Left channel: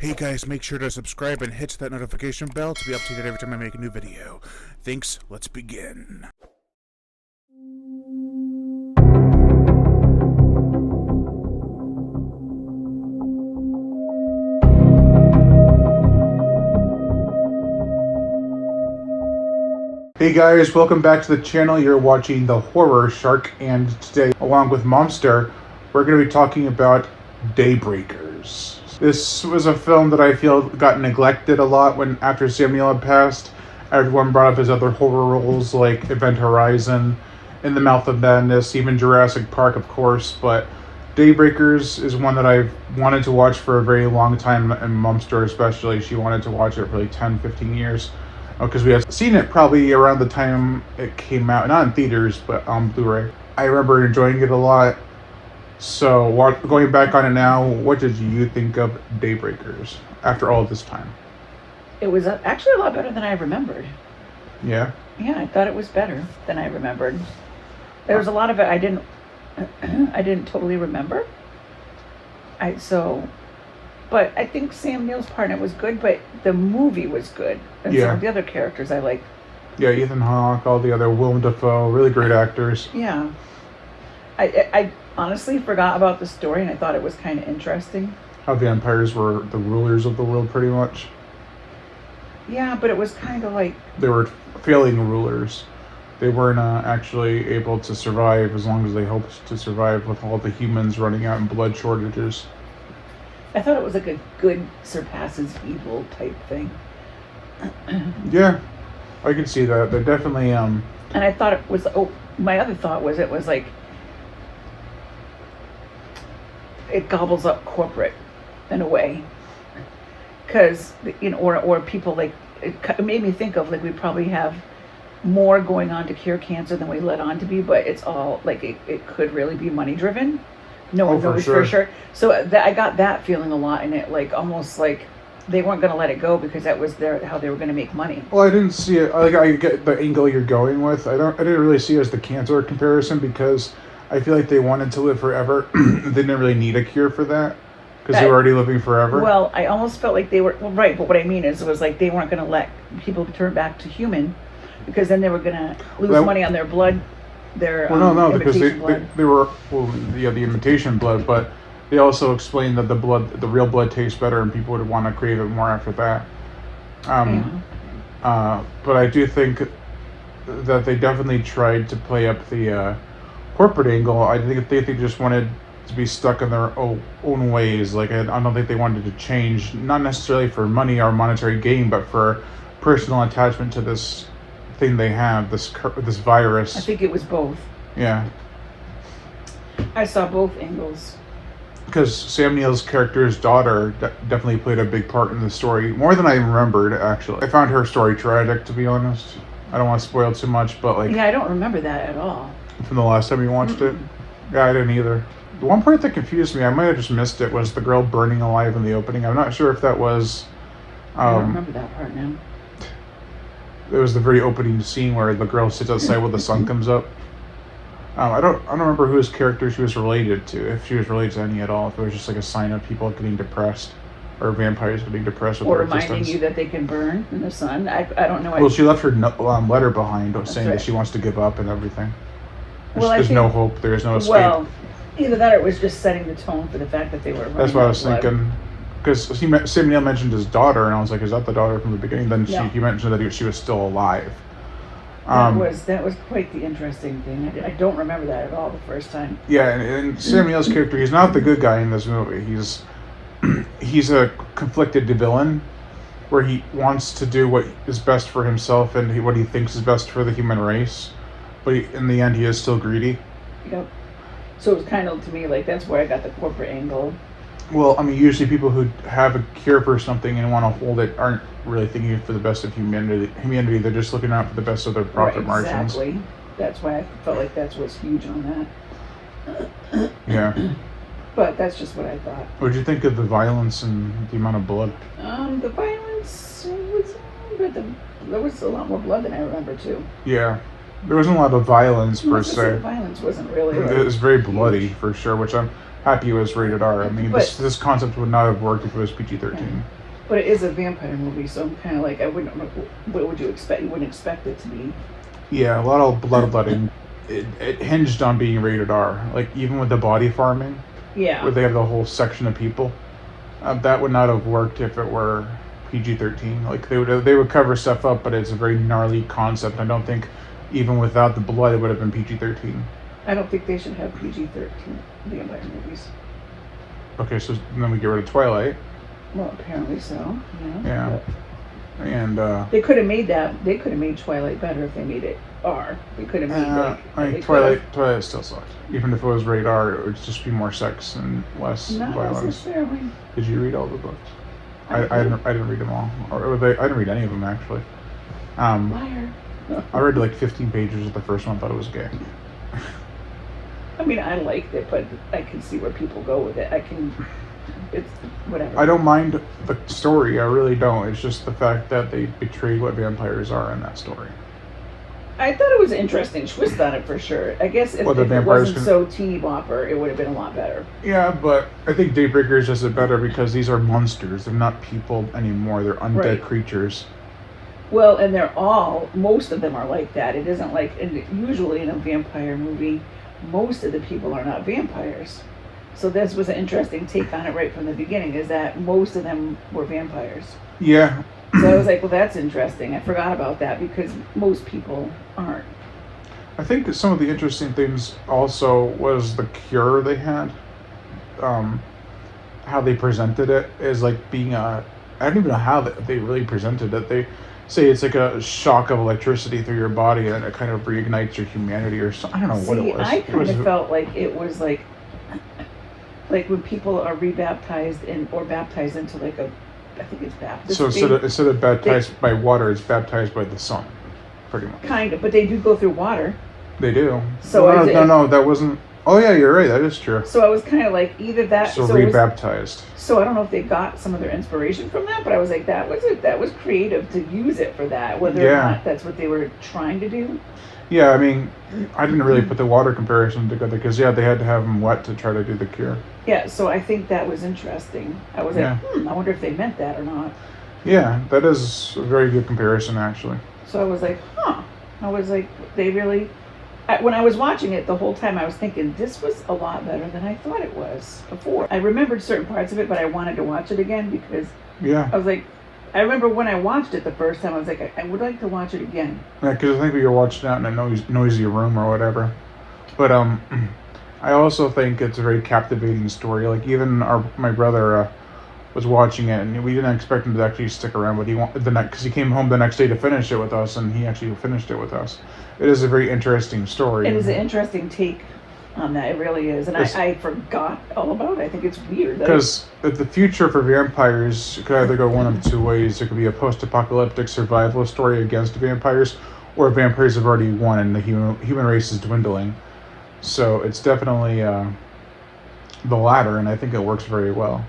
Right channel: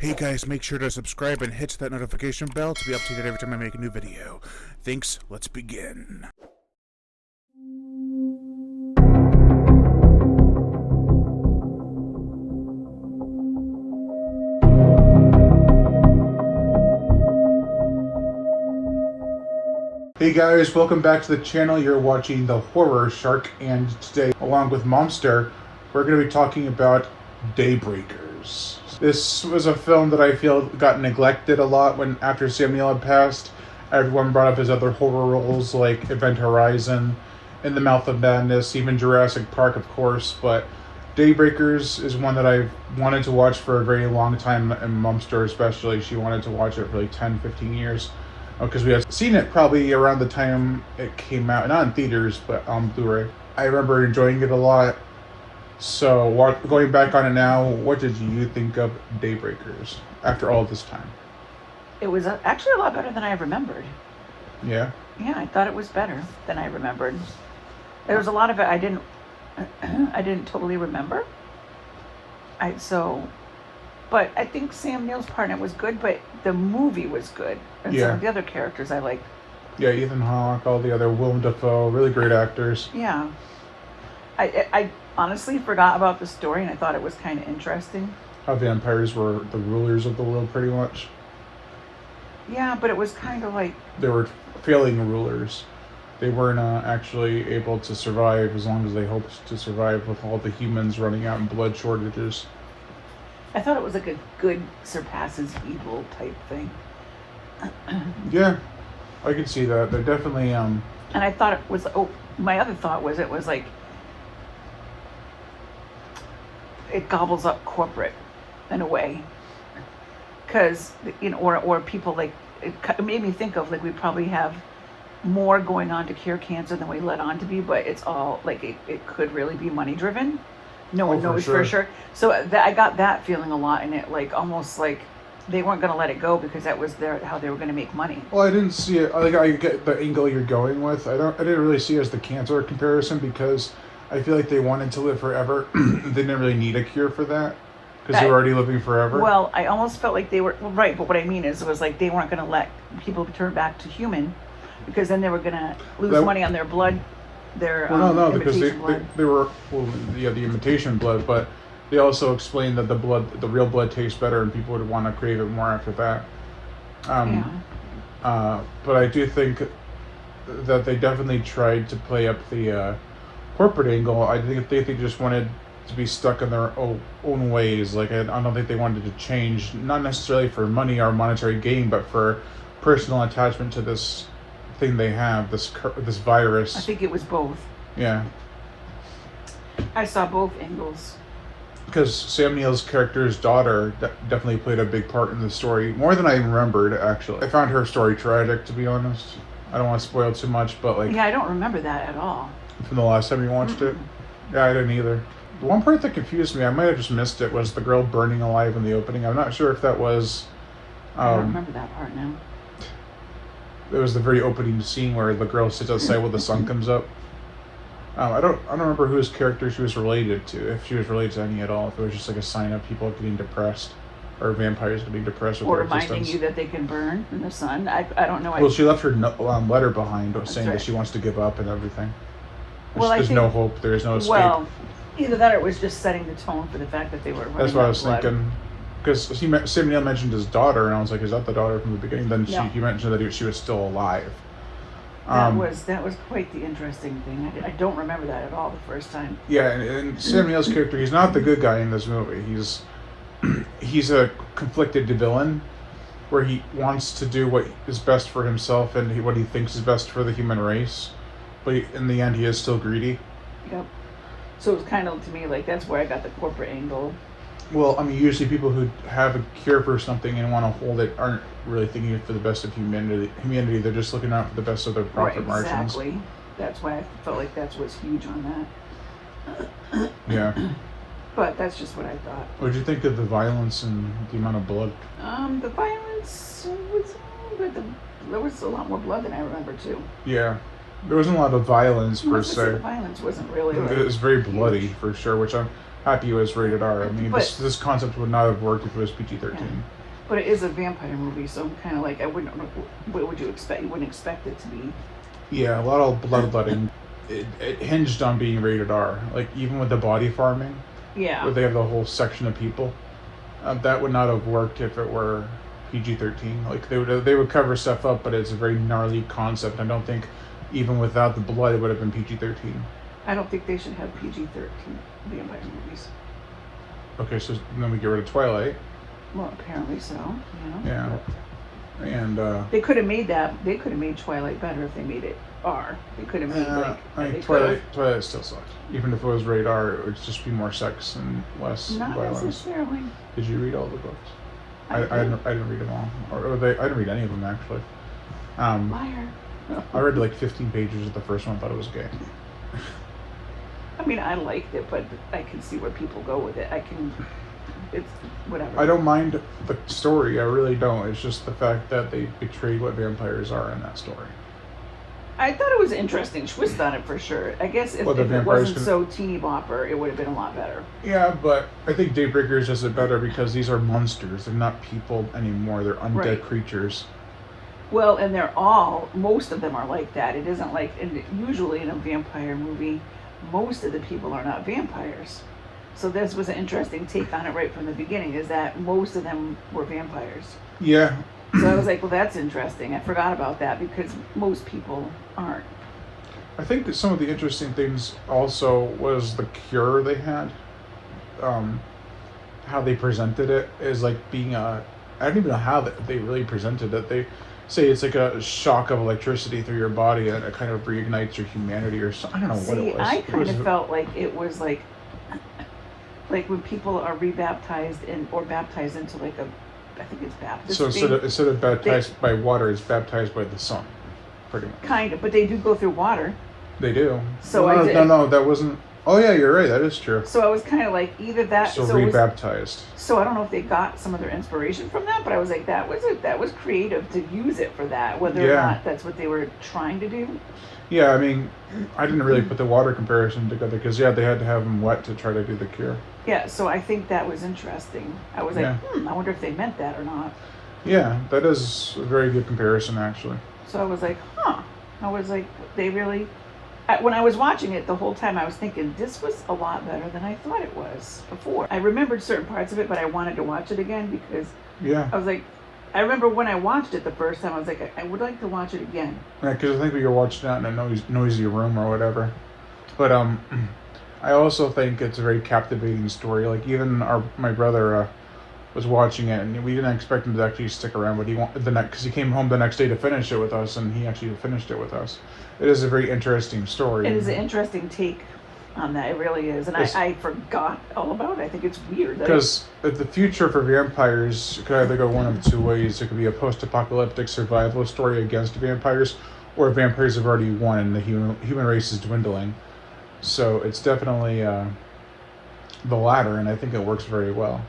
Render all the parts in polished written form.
Hey guys, make sure to subscribe and hit that notification bell to be updated every time I make a new video. Thanks, let's begin. Hey guys, welcome back to the channel. You're watching The Horror Shark, and today, along with Monster, we're going to be talking about Daybreakers. This was a film that I feel got neglected a lot when after Samuel had passed. Everyone brought up his other horror roles like Event Horizon, In the Mouth of Madness, even Jurassic Park, of course, but Daybreakers is one that I've wanted to watch for a very long time, and Monster especially. She wanted to watch it for like 10, 15 years. Because we had seen it probably around the time it came out, not in theaters, but on Blu-ray. I remember enjoying it a lot. So, going back on it now, what did you think of Daybreakers after all this time? It was actually a lot better than I remembered. Yeah? Yeah, I thought it was better than I remembered. There was a lot of it I didn't totally remember. But I think Sam Neill's part in it was good, but the movie was good. And some of the other characters I liked. Yeah, Ethan Hawke, all the other, Willem Dafoe, really great actors. Yeah. I honestly forgot about the story, and I thought it was kind of interesting. How vampires were the rulers of the world, pretty much. Yeah, but it was kind of like... They were failing rulers. They weren't actually able to survive as long as they hoped to survive with all the humans running out in blood shortages. I thought it was like a good surpasses evil type thing. Yeah, I can see that. They're definitely And I thought it was... Oh, my other thought was it was like... It gobbles up corporate in a way. Because, you know, or people like... It made me think of, like, we probably have more going on to cure cancer than we let on to be, but it's all, like, it could really be money driven. No one knows for sure. So I got that feeling a lot in it, like almost like they weren't going to let it go because that was how they were going to make money. Well, I didn't see it. Like, I get the angle you're going with. I didn't really see it as the cancer comparison because I feel like they wanted to live forever. They didn't really need a cure for that because they were already living forever. Well, I almost felt like they were right, but what I mean is it was like they weren't going to let people turn back to human because then they were going to lose money on their blood. No, because they were, well, yeah, the imitation blood, but they also explained that the real blood tastes better and people would want to crave it more after that. But I do think that they definitely tried to play up the corporate angle. I think they just wanted to be stuck in their own ways. Like, I don't think they wanted to change, not necessarily for money or monetary gain, but for personal attachment to this thing they have, this virus. I think it was both. Yeah. I saw both angles. Because Sam Neill's character's daughter definitely played a big part in the story, more than I remembered, actually. I found her story tragic, to be honest. I don't want to spoil too much, but like... Yeah, I don't remember that at all. From the last time you watched it? Yeah, I didn't either. The one part that confused me, I might have just missed it, was the girl burning alive in the opening. I'm not sure if that was... I don't remember that part now. It was the very opening scene where the girl sits outside while the sun comes up. I don't remember whose character she was related to, if she was related to any at all. If it was just like a sign of people getting depressed, or vampires getting depressed. Or reminding you that they can burn in the sun. I don't know. Well, she left her letter behind saying that she wants to give up and everything. There's no hope. There's no escape. Well, either that or it was just setting the tone for the fact that they were running. That's what I was thinking. Because Sam Neill mentioned his daughter, and I was like, is that the daughter from the beginning? Then he mentioned that she was still alive. That was quite the interesting thing. I don't remember that at all the first time. Yeah, and Sam Neill's character, he's not the good guy in this movie. He's a conflicted villain, where he wants to do what is best for himself and what he thinks is best for the human race. But in the end, he is still greedy. Yep. So it was kind of, to me, like, that's where I got the corporate angle. Well, I mean, usually people who have a cure for something and want to hold it aren't really thinking for the best of humanity. They're just looking out for the best of their profit margins. Exactly. That's why I felt like that was huge on that. Yeah. But that's just what I thought. What did you think of the violence and the amount of blood? The violence was good. There was a lot more blood than I remember, too. Yeah. There wasn't a lot of violence, per se. The violence wasn't really... It was very bloody, for sure, which I'm happy it was rated R. I mean, But- this concept would not have worked if it was PG-13. Yeah. But it is a vampire movie, so I'm kind of like, I wouldn't know, what would you expect? You wouldn't expect it to be. Yeah, a lot of bloodletting. It hinged on being rated R. Like, even with the body farming, Yeah. where they have the whole section of people, that would not have worked if it were PG-13. Like, they would cover stuff up, but it's a very gnarly concept. I don't think, even without the blood, it would have been PG-13. I don't think they should have PG-13 vampire movies. Okay, so then we get rid of Twilight. Well, apparently so. Yeah. But And, they could have made that. They could have made Twilight better if they made it R. They could have made like. I they mean, could have. Twilight still sucks. Even if it was rated R, it would just be more sex and less Not violence. necessarily. Did you read all the books? I did. didn't read them all. I didn't read any of them, actually. Liar. I read like 15 pages of the first one, thought it was gay. I mean, I liked it, but I can see where people go with it. It's whatever. I don't mind the story, I really don't. It's just the fact that they betray what vampires are in that story. I thought it was an interesting twist on it for sure. I guess if Well, the it vampires wasn't so teeny bopper, it would have been a lot better. Yeah, but I think Daybreakers does it better because these are monsters. They're not people anymore. They're undead Right. creatures. Well, and most of them are like that. It isn't like, and usually in a vampire movie, most of the people are not vampires. So this was an interesting take on it right from the beginning, is that most of them were vampires. Yeah. So I was like, well, that's interesting. I forgot about that because most people aren't. I think that some of the interesting things also was the cure they had. How they presented it as like being I don't even know how they really presented it. They say it's like a shock of electricity through your body and it kind of reignites your humanity or something. I don't know what See, it was. I kind of felt like it was like when people are rebaptized or baptized into like I think it's Baptist. So faith. instead of baptized by water, it's baptized by the sun. Pretty much. Kind of, but they do go through water. They do. So I did. No, that wasn't. Oh yeah, you're right. That is true. So I was kind of like either that. So it was- rebaptized. So I don't know if they got some of their inspiration from that, but I was like, that was creative to use it for that. Whether or Yeah. not that's what they were trying to do. Yeah, I mean, I didn't really put the water comparison together because they had to have them wet to try to do the cure. Yeah, so I think that was interesting. I was like, Yeah. I wonder if they meant that or not. Yeah, that is a very good comparison, actually. So I was like, I was like, they really. When I was watching it the whole time, I was thinking this was a lot better than I thought it was before. I remembered certain parts of it, but I wanted to watch it again because Yeah, I was like, I remember when I watched it the first time, I was like, I would like to watch it again. because I think we were watching that in a noisy room or whatever. But I also think it's a very captivating story. Like even my brother was watching it, and we didn't expect him to actually stick around, but because he came home the next day to finish it with us, and he actually finished it with us. It is a very interesting story. It is an interesting take on that. It really is. And I forgot all about it. I think it's weird. Because the future for vampires could either go one of two ways. It could be a post-apocalyptic survival story against vampires, or vampires have already won and the human race is dwindling. So it's definitely the latter, and I think it works very well.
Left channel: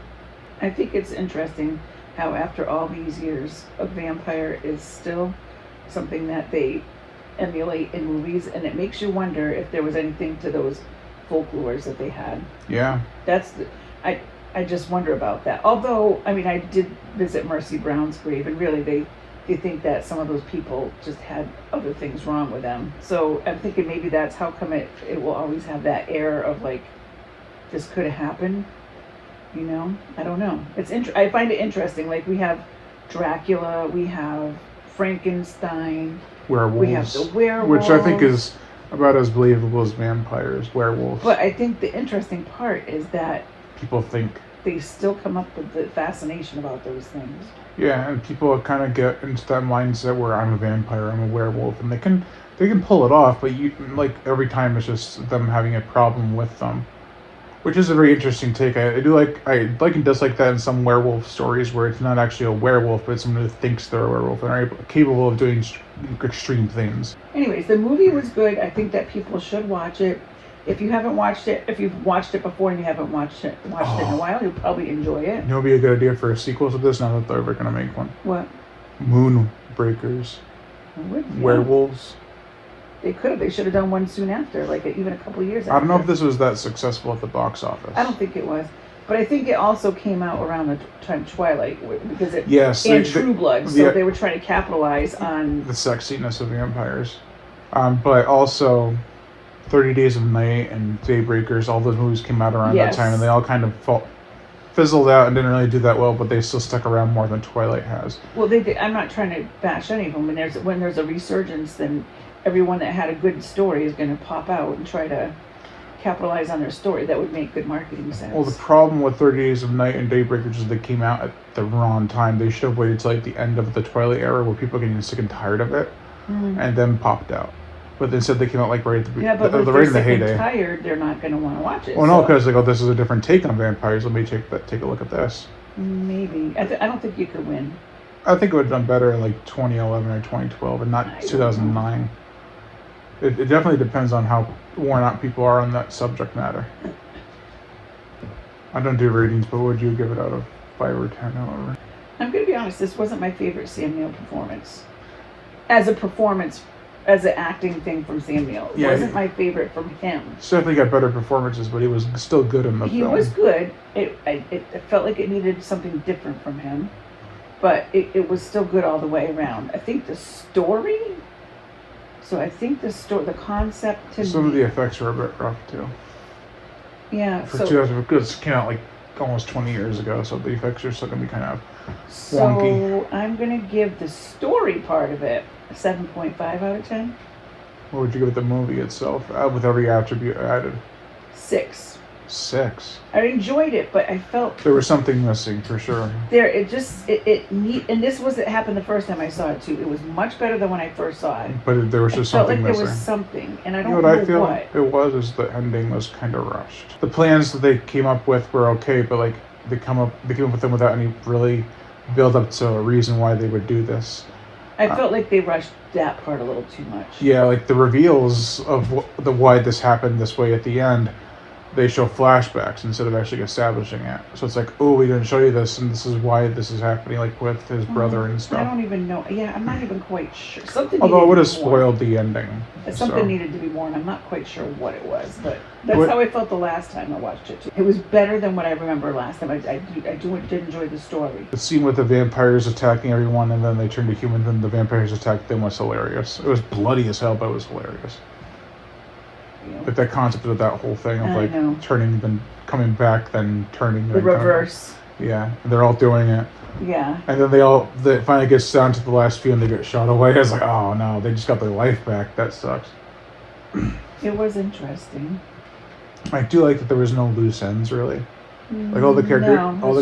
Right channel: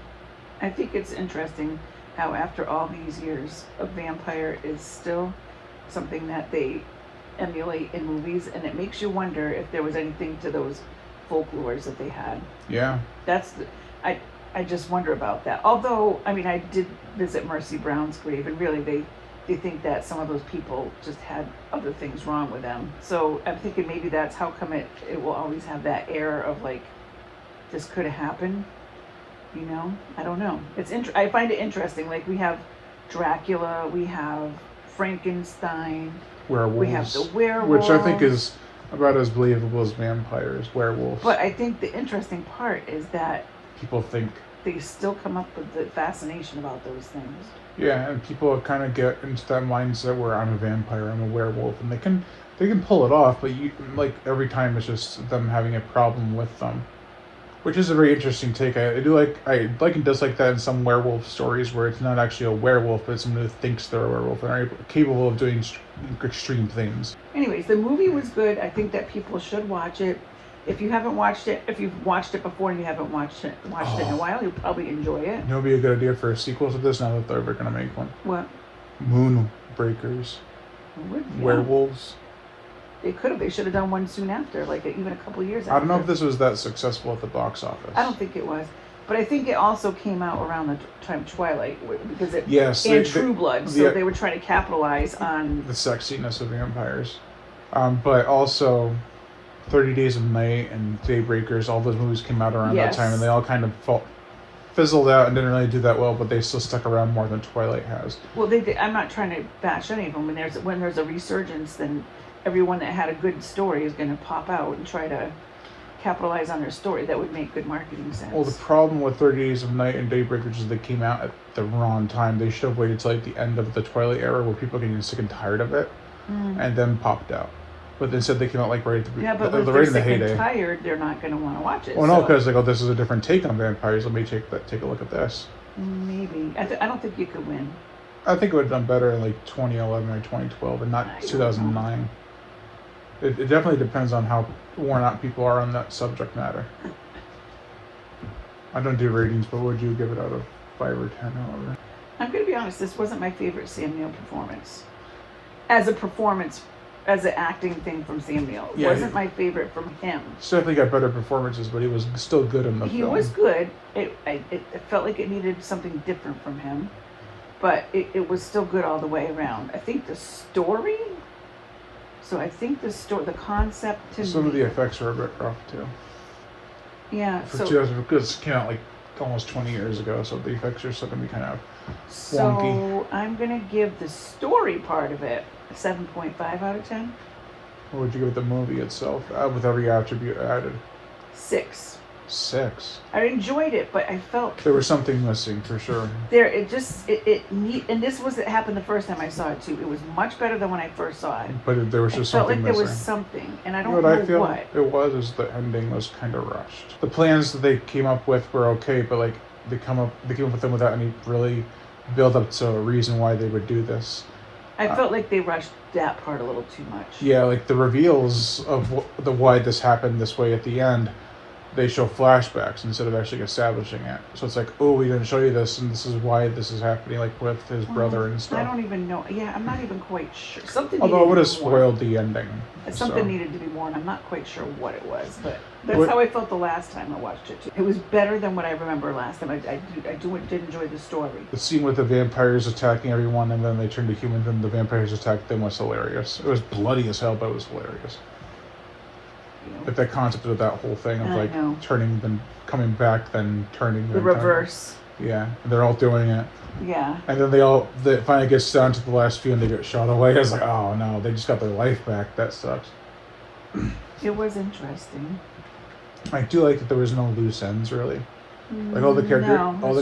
I think it's interesting how after all these years, a vampire is still something that they emulate in movies, and it makes you wonder if there was anything to those folklores that they had. Yeah. I just wonder about that. Although, I mean, I did visit Mercy Brown's grave, and really they think that some of those people just had other things wrong with them. So I'm thinking maybe that's how come it will always have that air of like, this could have happened. You know, I don't know. I find it interesting. Like we have Dracula, we have Frankenstein, Werewolves. we have the werewolf, which I think is about as believable as vampires, werewolves. But I think the interesting part is that people think. they still come up with the fascination about those things. Yeah, and people kind of get into that mindset where I'm a vampire, I'm a werewolf, and they can pull it off, but every time it's just them having a problem with them. Which is a very interesting take. I like and dislike that in some werewolf stories where it's not actually a werewolf, but it's someone who thinks they're a werewolf and are capable of doing extreme things. Anyways, the movie was good. I think that people should watch it. If you haven't watched it, if you've watched it before and you haven't watched it in a while, you'll probably enjoy it. You know, be a good idea for a sequel to this. Not that they're ever going to make one. What? Moonbreakers. Yeah. Werewolves. They could have. They should have done one soon after, like even a couple years after. I don't know if this was that successful at the box office. I don't think it was. But I think it also came out around the time Twilight, because it and True Blood, so they were trying to capitalize on the sexiness of vampires. But also, 30 Days of Night and Daybreakers, all those movies came out around that time, and they all kind of fizzled out and didn't really do that well, but they still stuck around more than Twilight has. Well, I'm not trying to bash any of them. When there's a resurgence, then everyone that had a good story is going to pop out and try to capitalize on their story. That would make good marketing sense. Well, the problem with 30 Days of Night and Daybreakers is they came out at the wrong time. They should have waited till like the end of the Twilight era, where people are getting sick and tired of it, and then popped out. But instead they came out like right at the beginning. Yeah, but if they're sick and tired, they're not going to want to watch it. Well, no, because this is a different take on vampires. Let me take a look at this. Maybe. I don't think you could win. I think it would have done better in like 2011 or 2012 and not 2009. It definitely depends on how worn out people are on that subject matter. I don't do ratings, but what would you give it out of 5 or 10 or whatever? I'm going to be honest, this wasn't my favorite Sam Neill performance. As a performance, as an acting thing from Sam Neill. It wasn't my favorite from him. Certainly got better performances, but he was still good in the film. He was good. It felt like it needed something different from him, but it was still good all the way around. I think the story... So I think the concept to some of the effects are a bit rough too. Yeah. For 2000, because it came out like almost 20 years ago, so the effects are still going to be kind of wonky. I'm going to give the story part of it a 7.5 out of 10. What would you give the movie itself, with every attribute added? 6. 6. I enjoyed it, but I felt there was something missing for sure. And this was it happened the first time I saw it too. It was much better than when I first saw it. But there was just felt something like there missing. was something, and I don't know what it was. Is the ending was kind of rushed. The plans that they came up with were okay, but like they came up with them without any really build up to a reason why they would do this. I felt like they rushed that part a little too much. Yeah, like the reveals of why this happened this way at the end. They show flashbacks instead of actually establishing it. So it's like, oh, we didn't show you this, and this is why this is happening, like with his brother and stuff. I don't even know. Yeah, I'm not even quite sure. Something although it would have spoiled the ending. Something needed to be worn. I'm not quite sure what it was, but that's how I felt the last time I watched it too. It was better than what I remember last time. I did enjoy the story. The scene with the vampires attacking everyone, and then they turned to humans, and the vampires attacked them was hilarious. It was bloody as hell, but it was hilarious. But that concept of that whole thing of like turning, then coming back, then turning. The reverse. Yeah, they're all doing it. Yeah. And then they finally get down to the last few and they get shot away. I was like, oh no, they just got their life back. That sucks. It was interesting. I do like that there was no loose ends really. Like all the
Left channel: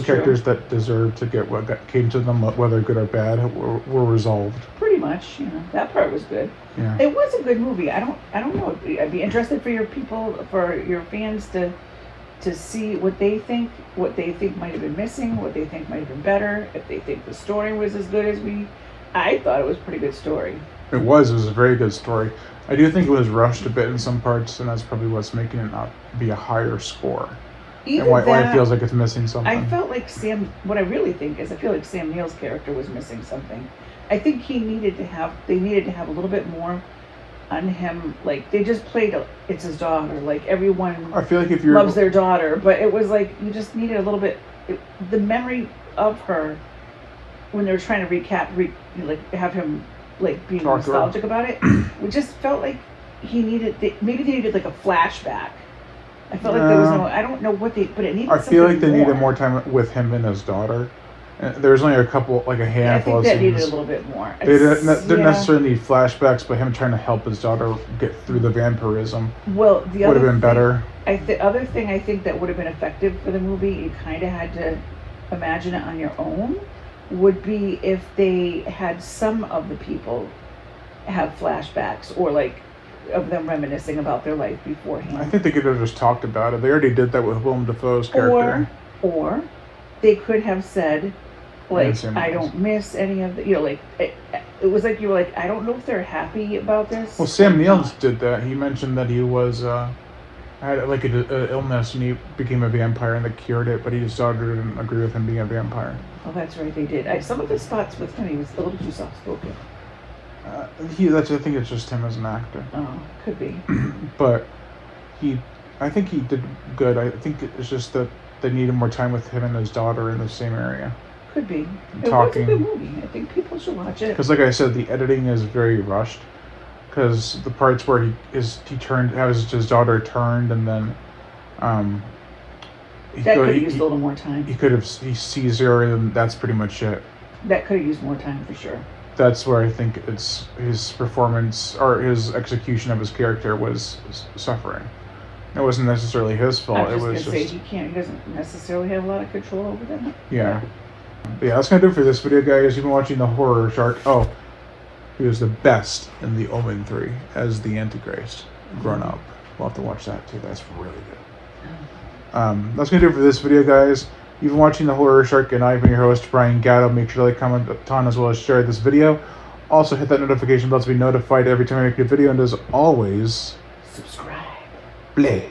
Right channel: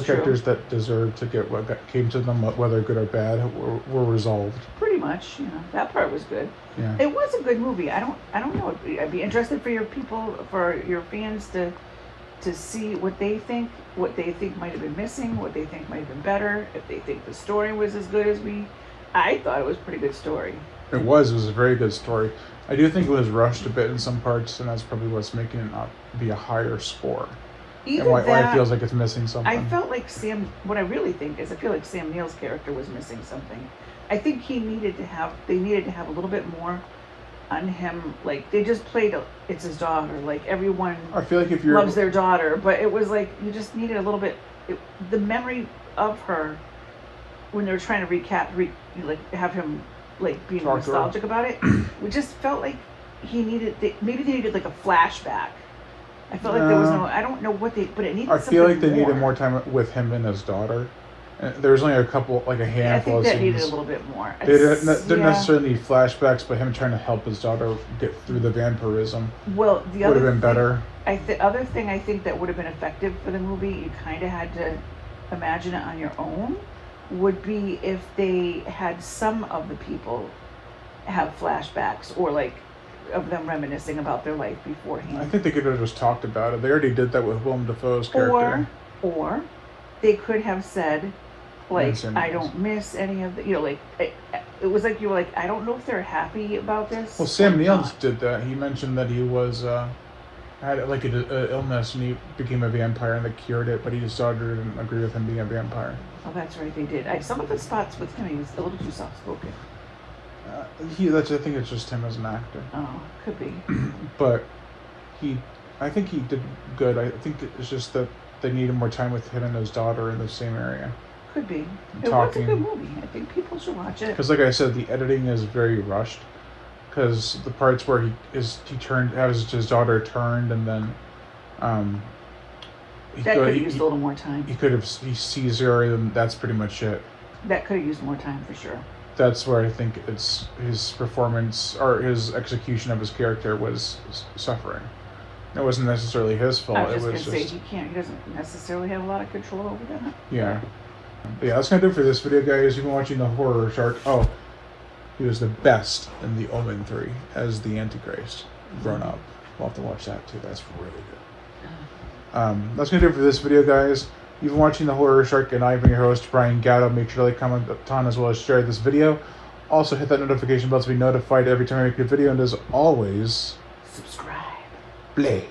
characters that deserved to get what came to them, whether good or bad, were resolved. Pretty much, that part was good. Yeah. It was a good movie. I don't know. I'd be interested for your fans to see what they think might have been missing, what they think might have been better, if they think the story was as good as I thought it was a pretty good story. It was a very good story. I do think it was rushed a bit in some parts, and that's probably what's making it not be a higher score. Either that, it feels like it's missing something. I felt like what I really think is I feel like Sam Neill's character was missing something. I think they needed to have a little bit more on him. Like they just played it's his daughter. Like everyone I feel like loves their daughter, but it was like you just needed a little bit the memory of her when they were trying to have him like being nostalgic about it. We just felt like maybe they needed like a flashback. I felt like there was I don't know what but it needed something more. I feel like they needed more time with him and his daughter. There's only a handful. I think that needed a little bit more. They didn't necessarily need flashbacks, but him trying to help his daughter get through the vampirism. Well, would have been better. The other thing I think that would have been effective for the movie, you kind of had to imagine it on your own, would be if they had some of the people have flashbacks or like of them reminiscing about their life beforehand. I think they could have just talked about it. They already did that with Willem Dafoe's character. Or they could have said, like, I don't miss any of the, like, it was like you were like, I don't know if they're happy about this. Well, Sam Neill did that. He mentioned that he was, had like an illness and he became a vampire and they cured it, but his daughter didn't agree with him being a vampire. Oh, that's right, they did. Some of the spots with him, he was a little too soft-spoken. I think it's just him as an actor. Oh, could be. But I think he did good. I think it's just that they needed more time with him and his daughter in the same area. Could be. It was a good movie. I think people should watch it. Because, like I said, the editing is very rushed. Because the parts where he turned, as his daughter turned, and then that could have used a little more time. He sees her, and that's pretty much it. That could have used more time for sure. That's where I think it's his performance or his execution of his character was suffering. It wasn't necessarily his fault. I was just going to say he doesn't necessarily have a lot of control over that. Yeah. Yeah, that's going to do it for this video, guys. You've been watching The Horror Shark. Oh, he was the best in The Omen 3 as the Antichrist. Grown up. We'll have to watch that too. That's really good. That's going to do it for this video, guys. You've been watching The Horror Shark, and I've been your host, Brian Gatto. Make sure to like, comment, on, as well as share this video. Also, hit that notification bell to be notified every time I make a video. And as always, subscribe. Play.